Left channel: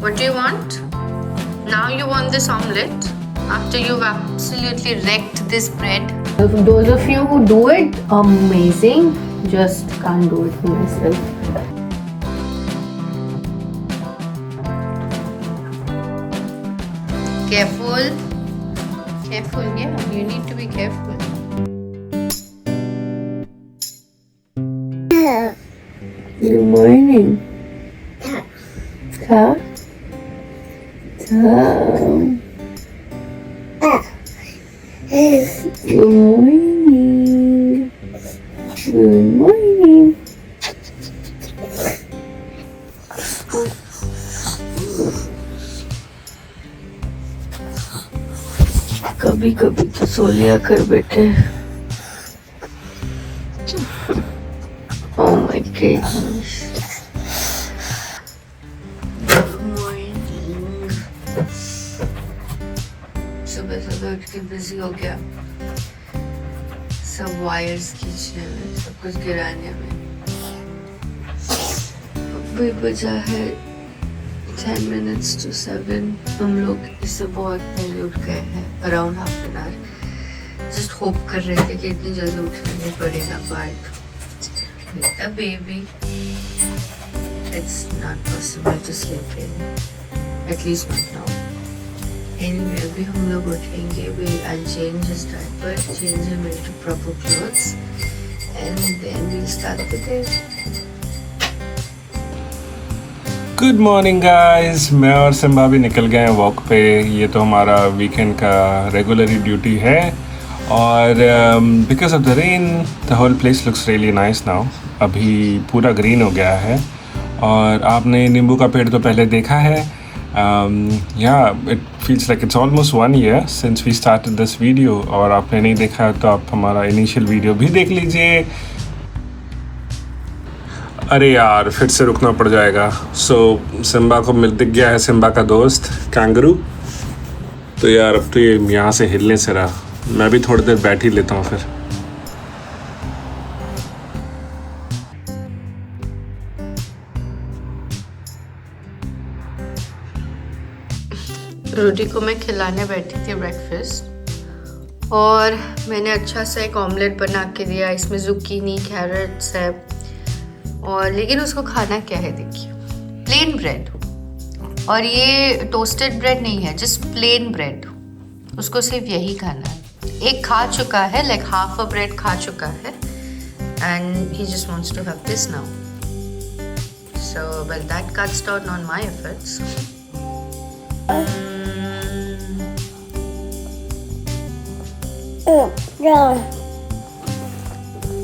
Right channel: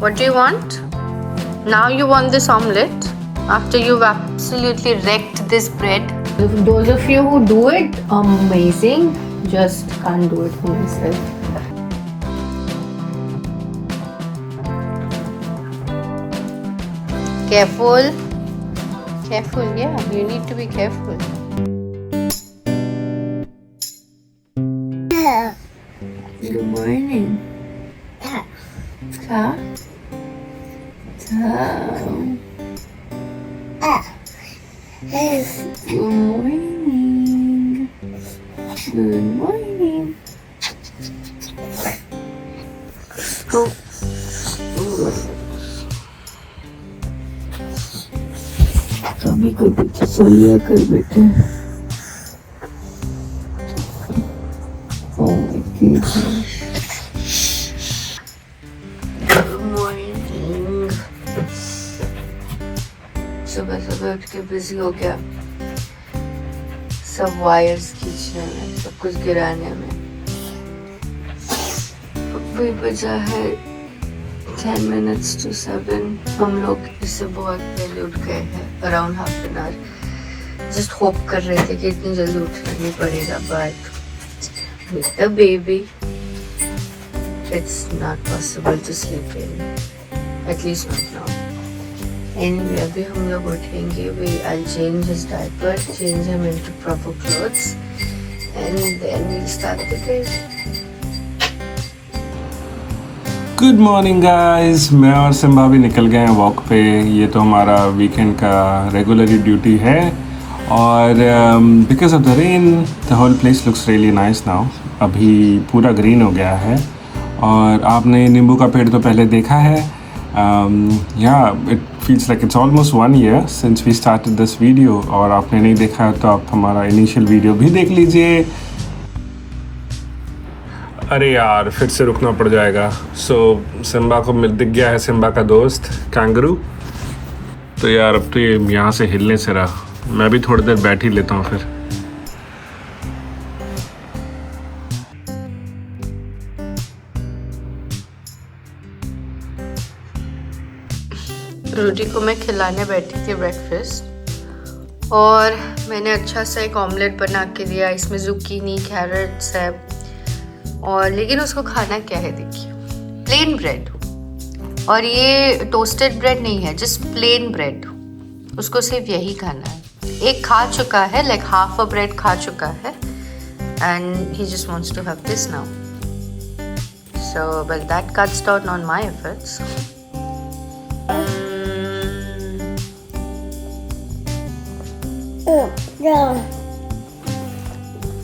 What do you want? Now you want this omelette after you've absolutely wrecked this bread. Those of you who do it, amazing. Just can't do it for myself. Careful. Careful, yeah. You need to be careful. Good morning. Ta. Good morning. Good morning. कभी कभी तो सो लिया कर बेटे. Oh my goodness. Good morning. सुबह सुबह उठ के बिजी हो गया सब वायर्स खींचने में, सब कुछ गिराने में. अभी बजा है 10 minutes to 7. हम लोग इससे बहुत पहले उठ गए हैं, around half an hour. Just hope कर रहे थे कि इतनी जल्दी उठना नहीं पड़ेगा, but with the baby it's not possible to sleep really, at least not now. Anyway, अभी हम लोग उठेंगे. I'll change his diaper, change him into proper clothes, and then we'll start the day. Good morning guys. मैं और Simba भी निकल गए हैं वॉक पे. ये तो हमारा वीकेंड का रेगुलरली ड्यूटी है. और because of the rain the whole place looks really nice now. अभी पूरा ग्रीन हो गया है. और आपने नींबू का पेड़ तो पहले देखा है. या it feels like it's almost 1 year since we started this video. और आपने नहीं देखा तो आप हमारा इनिशियल वीडियो भी देख लीजिए. अरे यार फिर से रुकना पड़ जाएगा. सो सिम्बा को दिख गया है सिम्बा का दोस्त कैंगरू. तो यार अब तो ये यहाँ से हिलने से रहा. मैं भी थोड़ी देर बैठ ही लेता हूँ फिर. रूडी को मैं खिलाने बैठी थी ब्रेकफास्ट, और मैंने अच्छा सा एक ऑमलेट बना के दिया. इसमें जुकीनी, कैरेट्स है, और लेकिन उसको खाना क्या है देखिए, प्लेन ब्रेड. और ये टोस्टेड ब्रेड नहीं है, जस्ट प्लेन ब्रेड. उसको सिर्फ यही खाना है. एक खा चुका है, लाइक हाफ अ ब्रेड खा चुका है, and he just wants to have this now. So well that cuts down on my efforts.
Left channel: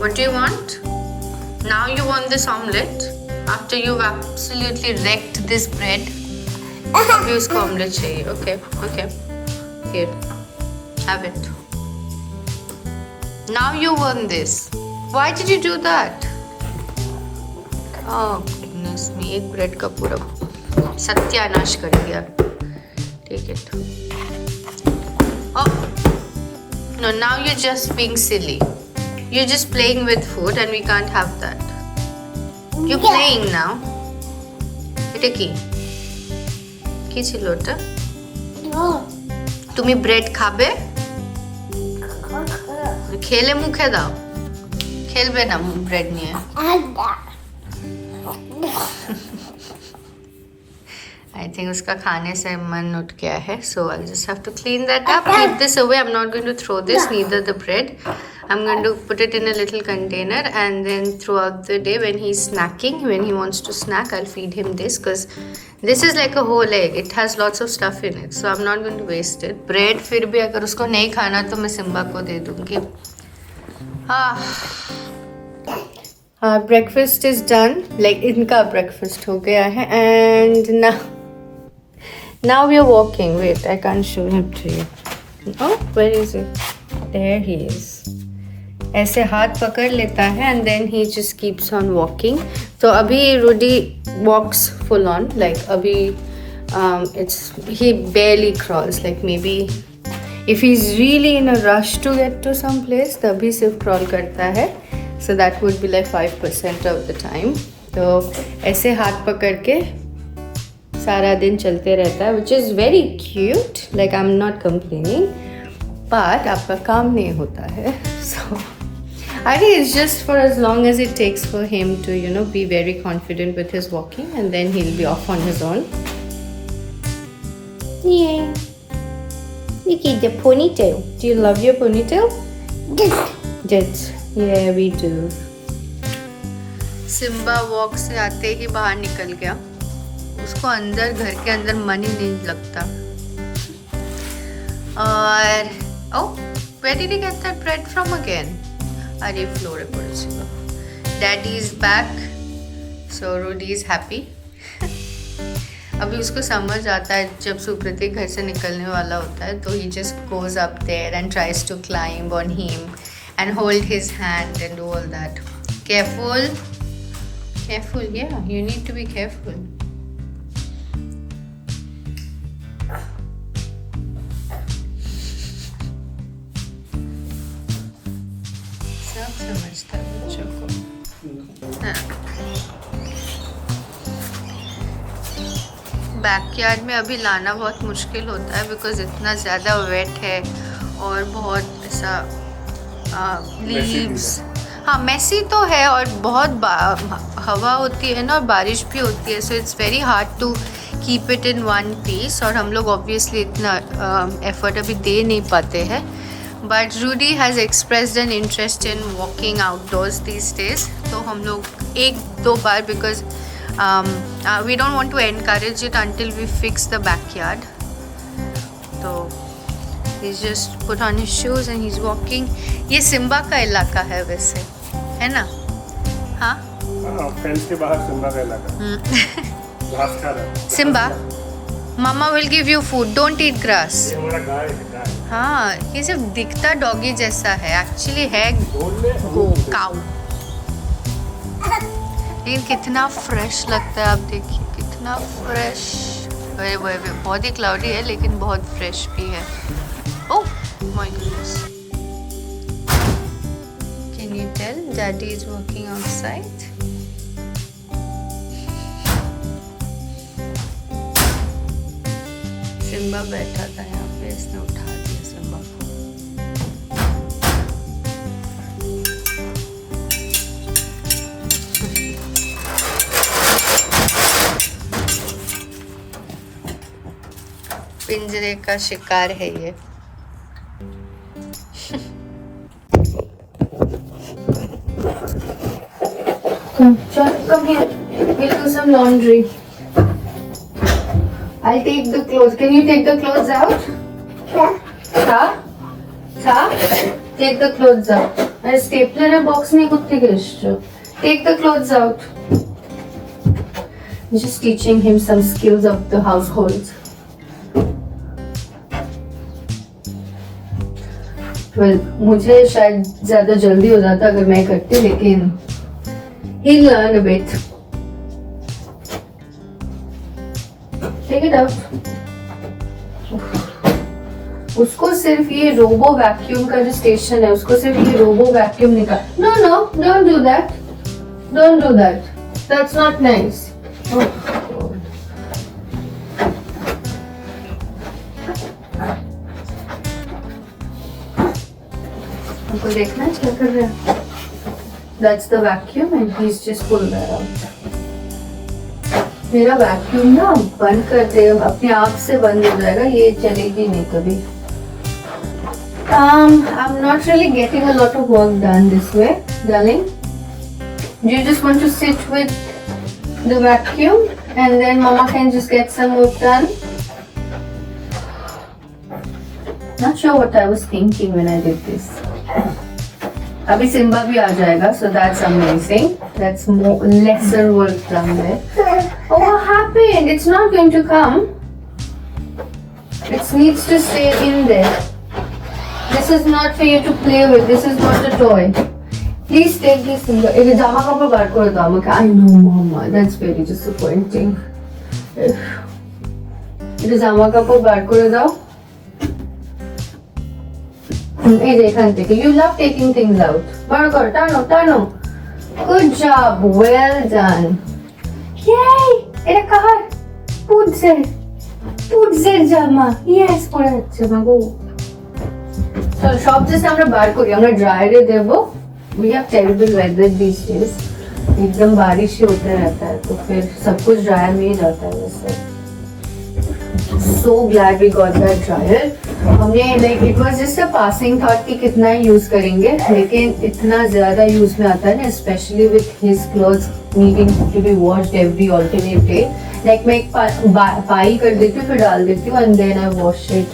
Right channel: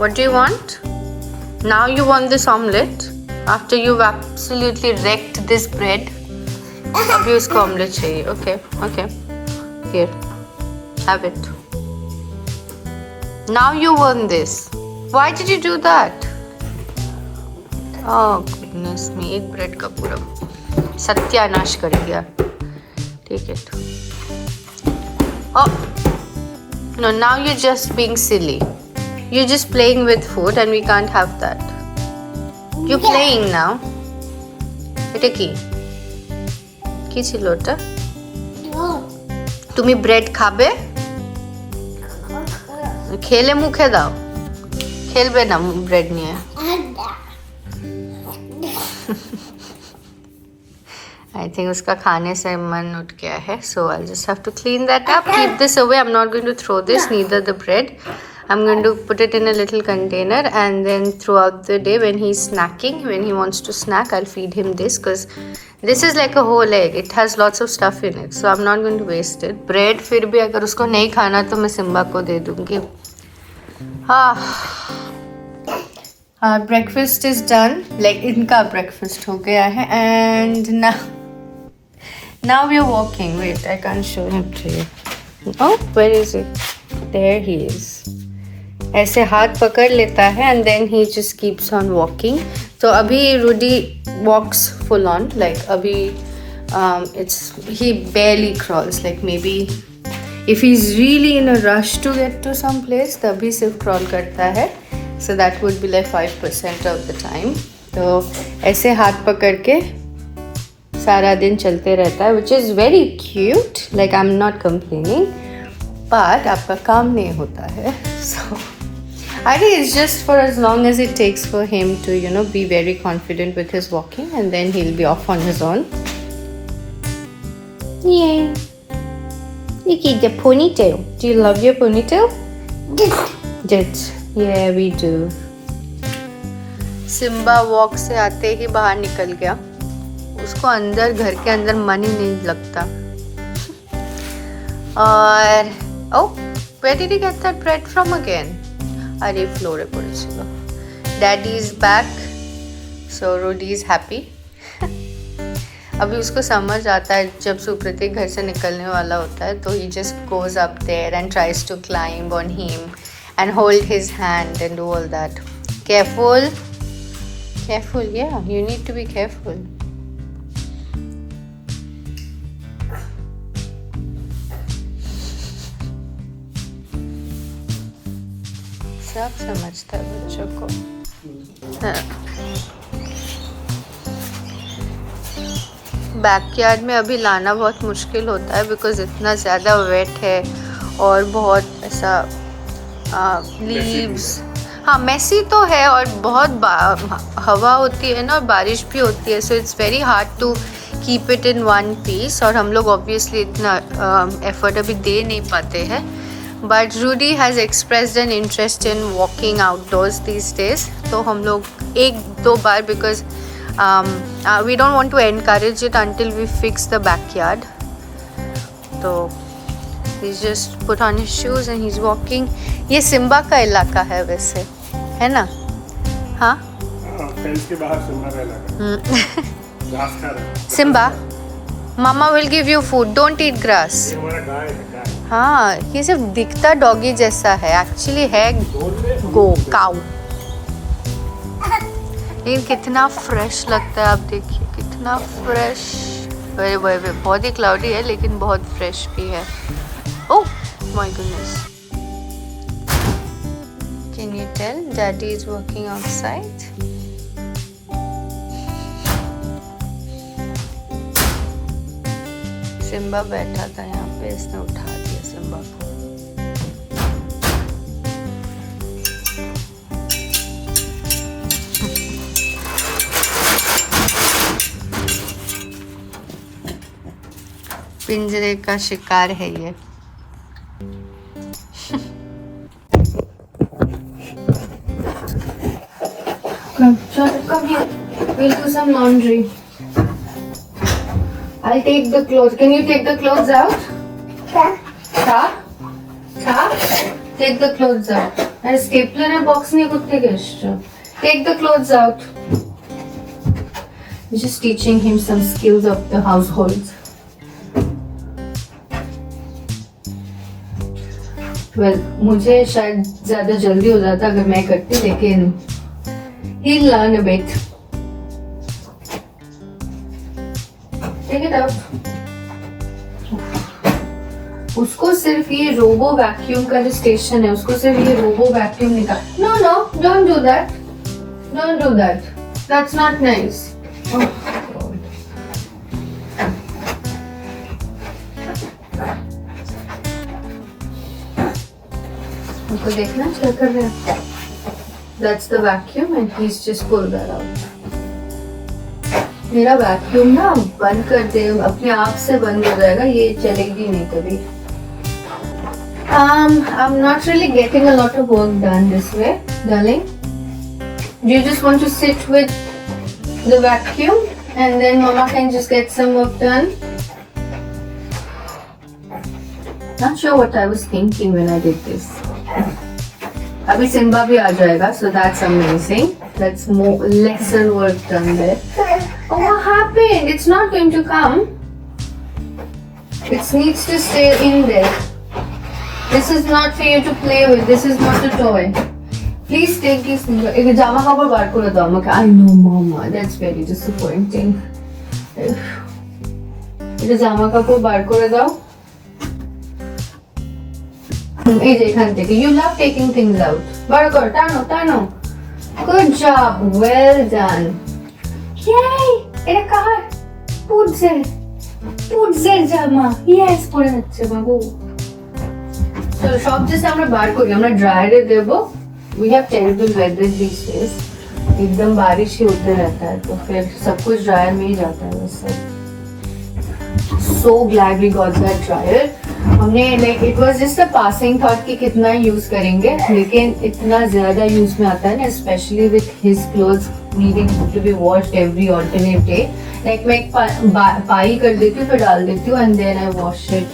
What do you want? Now you want this omelette after you've absolutely wrecked this bread. अभी उसको omelette चाहिए. Okay. Here, have it. Now you want this. Why did you do that? Oh goodness me, एक bread का पूरा सत्यानाश कर दिया. Take it. Oh no, now you're just being silly. You're just playing with food and we can't have that. You're playing now. এটা কি? কি ছিল ওটা? তুমি ব্রেড খাবে? খেলে মুখে দাও. খেলবে না ব্রেড নিয়ে. I think उसका खाने से मन उठ गया है. So I'll just have to clean that up. Keep this away. I'm not going to throw this, neither the bread. I'm going to put it in a little container, and then throughout the day when he's snacking, when he wants to snack, I'll feed him this, because this is like a whole egg. It has lots of stuff in it, so I'm not going to waste it. Bread फिर भी अगर उसको नहीं खाना तो मैं Simba को दे दूँगी. Breakfast is done. Like इनका breakfast हो गया है, and now we are walking. Wait, I can't show him to you. Oh, where is it? There he is. ऐसे हाथ पकड़ लेता है and then he just keeps on walking. तो अभी Rudy walks full on, like अभी he barely crawls, like maybe if he's really in a rush to get to some place तभी सिर्फ crawl करता है. So that would be like 5% of the time. तो ऐसे हाथ पकड़ के सारा दिन चलते रहता है, which is very cute. Like I'm not complaining, but आपका काम नहीं होता है. So I think it's just for as long as it takes for him to, you know, be very confident with his walking, and then he'll be off on his own. Yeah. Look at the ponytail. Do you love your ponytail? Yes. Yeah, we do. Simba walk से आते ही बाहर निकल गया. उसको अंदर घर के अंदर मन ही नहीं लगता. और oh, where did he get that bread from again? अरे फ्लोर है पड़ेगा. Daddy is back, so Rudy is happy. अभी उसको समझ आता है जब सुप्रतीक घर से निकलने वाला होता है तो he just goes up there and tries to climb on him and hold his hand and do all that. Careful. Careful, yeah, you need to be careful. सब समझता है बच्चों को. बैकयार्ड में अभी लाना बहुत मुश्किल होता है बिकॉज इतना ज़्यादा वेट है और बहुत ऐसा लीव्स. हाँ, मेसी तो है और बहुत हवा होती है ना और बारिश भी होती है. So it's very hard to keep it in one piece. और हम लोग ऑब्वियसली इतना एफर्ट अभी दे नहीं पाते हैं. But Rudy has expressed an interest in walking outdoors these days. तो हम लोग एक दो बार because we don't want to encourage it until we fix the backyard. So he's just put on his shoes and he's walking. ये Simba का इलाका है वैसे, है ना? हाँ? फेंस के बाहर सिम्बा का इलाका. घास खा रहा है. Simba, Mama will give you food. Don't eat grass. ये हमारा गाय है. हाँ, ये सिर्फ दिखता डॉगी जैसा है, एक्चुअली है गो काऊ. लेकिन कितना फ्रेश लगता है. आप देखिए कितना फ्रेश. बहुत ही क्लाउडी है लेकिन बहुत फ्रेश भी है. Oh my goodness. Can you tell daddy is working outside? Simba बैठा था यहाँ पे, इसने उठा दिया सिम्बा को. पिंजरे का शिकार है ये. Come here. We'll do some laundry. I'll take the clothes. Can you take the clothes out? Cha? Take the clothes out. And stapler and box नहीं कुत्ते के. Take the clothes out. Just teaching him some skills of the household. Well, मुझे शायद ज़्यादा जल्दी हो जाता अगर मैं करती, लेकिन he'll learn a bit. Take it out. उसको सिर्फ ये रोबो वैक्यूम का जो स्टेशन है उसको सिर्फ ये रोबो वैक्यूम निकाल. No, don't do that. Don't do that. That's not nice. Oh. हमको देखना क्या कर रहा है. That's the vacuum and he's just pulled that out. मेरा वैक्यूम ना बंद करते अपने आप से बंद हो जाएगा, ये चलेगी नहीं कभी. I'm not really getting a lot of work done this way, darling. Do you just want to sit with the vacuum and then Mama can just get some work done? Not sure what I was thinking when I did this. अभी Simba भी आ जाएगा, so that's amazing. That's more lesser work done there. Oh, what happened? It's not going to come. It needs to stay in there. This is not for you to play with. This is not a toy. Please take this. एक जामा कपड़ा बाहर कर दो আমাকে. I know, Mama. That's very disappointing. एक जामा कपड़ा बाहर कर दो. You love taking things out. Burger, Tano. Good job. Well done. Yay! In a car. Put Put Z জামা, yes পরে যাচ্ছে বাবু। চলো সব জাস্ট আমরা বার করি, আমরা ড্রায়ারে দেবো। We have terrible weather these days, एकदम बारिश ही होते रहता है, तो फिर सब कुछ ड्रायर में ही जाता है वैसे। So glad we got that dryer. हमने like it was just a passing thought कि कितना ही यूज करेंगे, लेकिन इतना ज्यादा यूज में आता है ना, especially with his clothes needing to be washed every alternate day. Like मैं एक पाई कर देती हूँ, फिर डाल देती हूँ, and then I wash it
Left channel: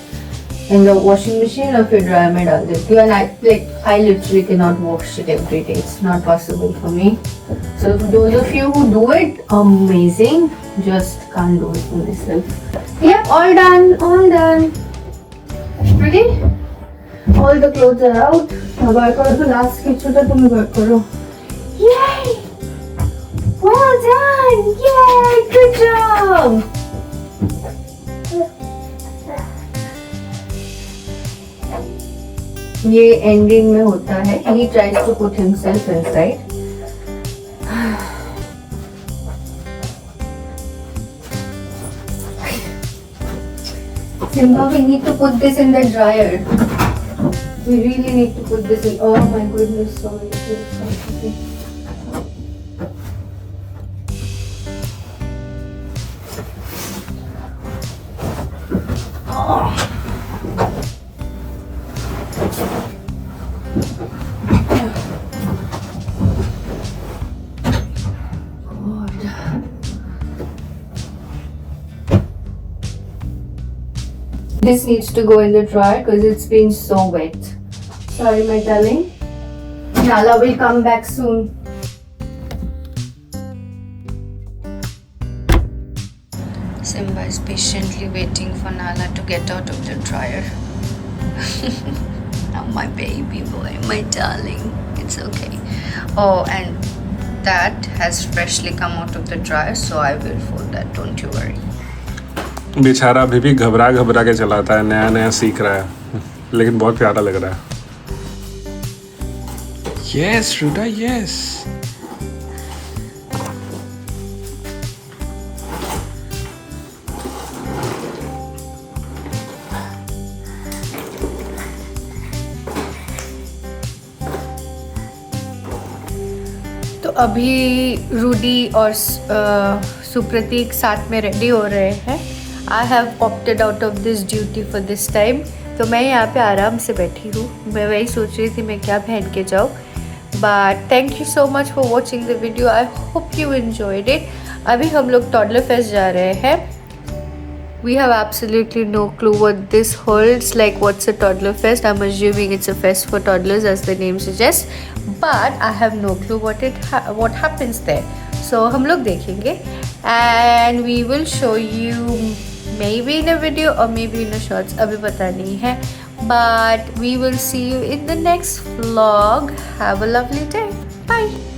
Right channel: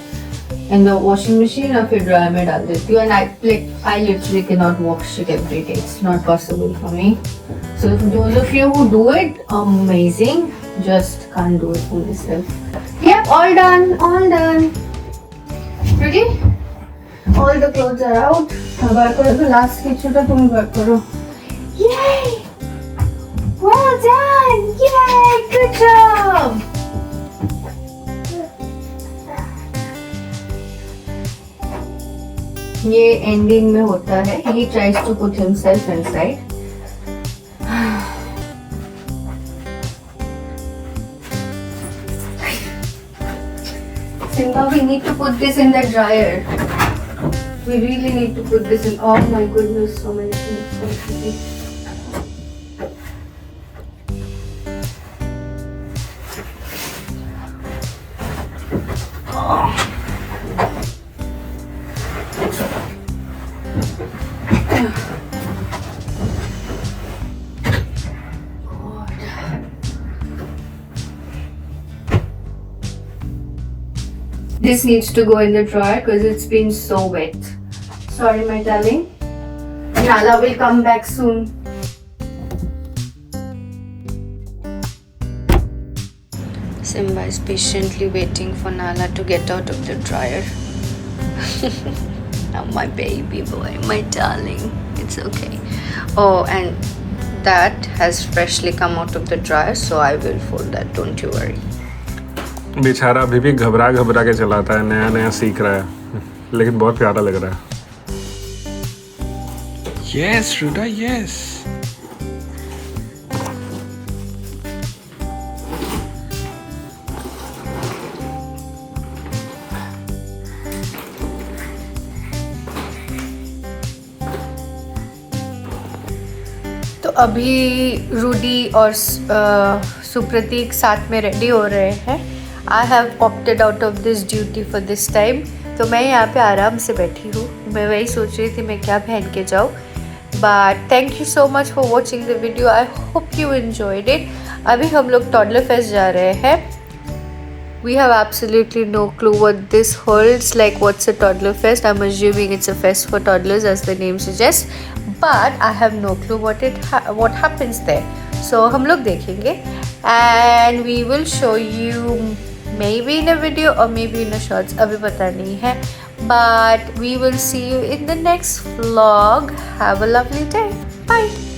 in the washing machine, और फिर ड्रायर में डाल देती हूँ, and I literally cannot wash it every day. It's not possible for me. So those of you who do it, amazing. Just can't do it for myself. Yep, all done. Ready? All the clothes are out. अब बार करो तो last की छोटा तुम बार करो. Yay! Well done! Yay! Good job! ये ending में होता है. He tries to put himself inside. Simba, we need to put this in the dryer. We really need to put this in. Oh my goodness, so many things. This needs to go in the dryer because it's been so wet. Sorry, my darling. Nala will come back soon. Simba is patiently waiting for Nala to get out of the dryer. Now my baby boy, my darling. It's okay. Oh, and that has freshly come out of the dryer, so I will fold that. Don't you worry. बेचारा अभी भी घबरा के चलाता है, नया सीख रहा है, लेकिन बहुत प्यारा लग रहा है। यस रुदा, यस। तो अभी रूडी और सुप्रतीक साथ में रेडी हो रहे हैं। I have opted out of this duty for this time. तो मैं यहाँ पे आराम से बैठी हूँ। मैं वही सोच रही थी मैं क्या पहन के जाऊँ। But thank you so much for watching the video. I hope you enjoyed it. अभी हम लोग टॉडलर फेस्ट जा रहे हैं। We have absolutely no clue what this holds. Like, what's a toddler fest? I'm assuming it's a fest for toddlers, as the name suggests. But I have no clue what happens there. So हम लोग देखेंगे, and we will show you maybe in a video or maybe in a shorts. अभी पता नहीं है. But we will see you in the next vlog. Have a lovely day. Bye.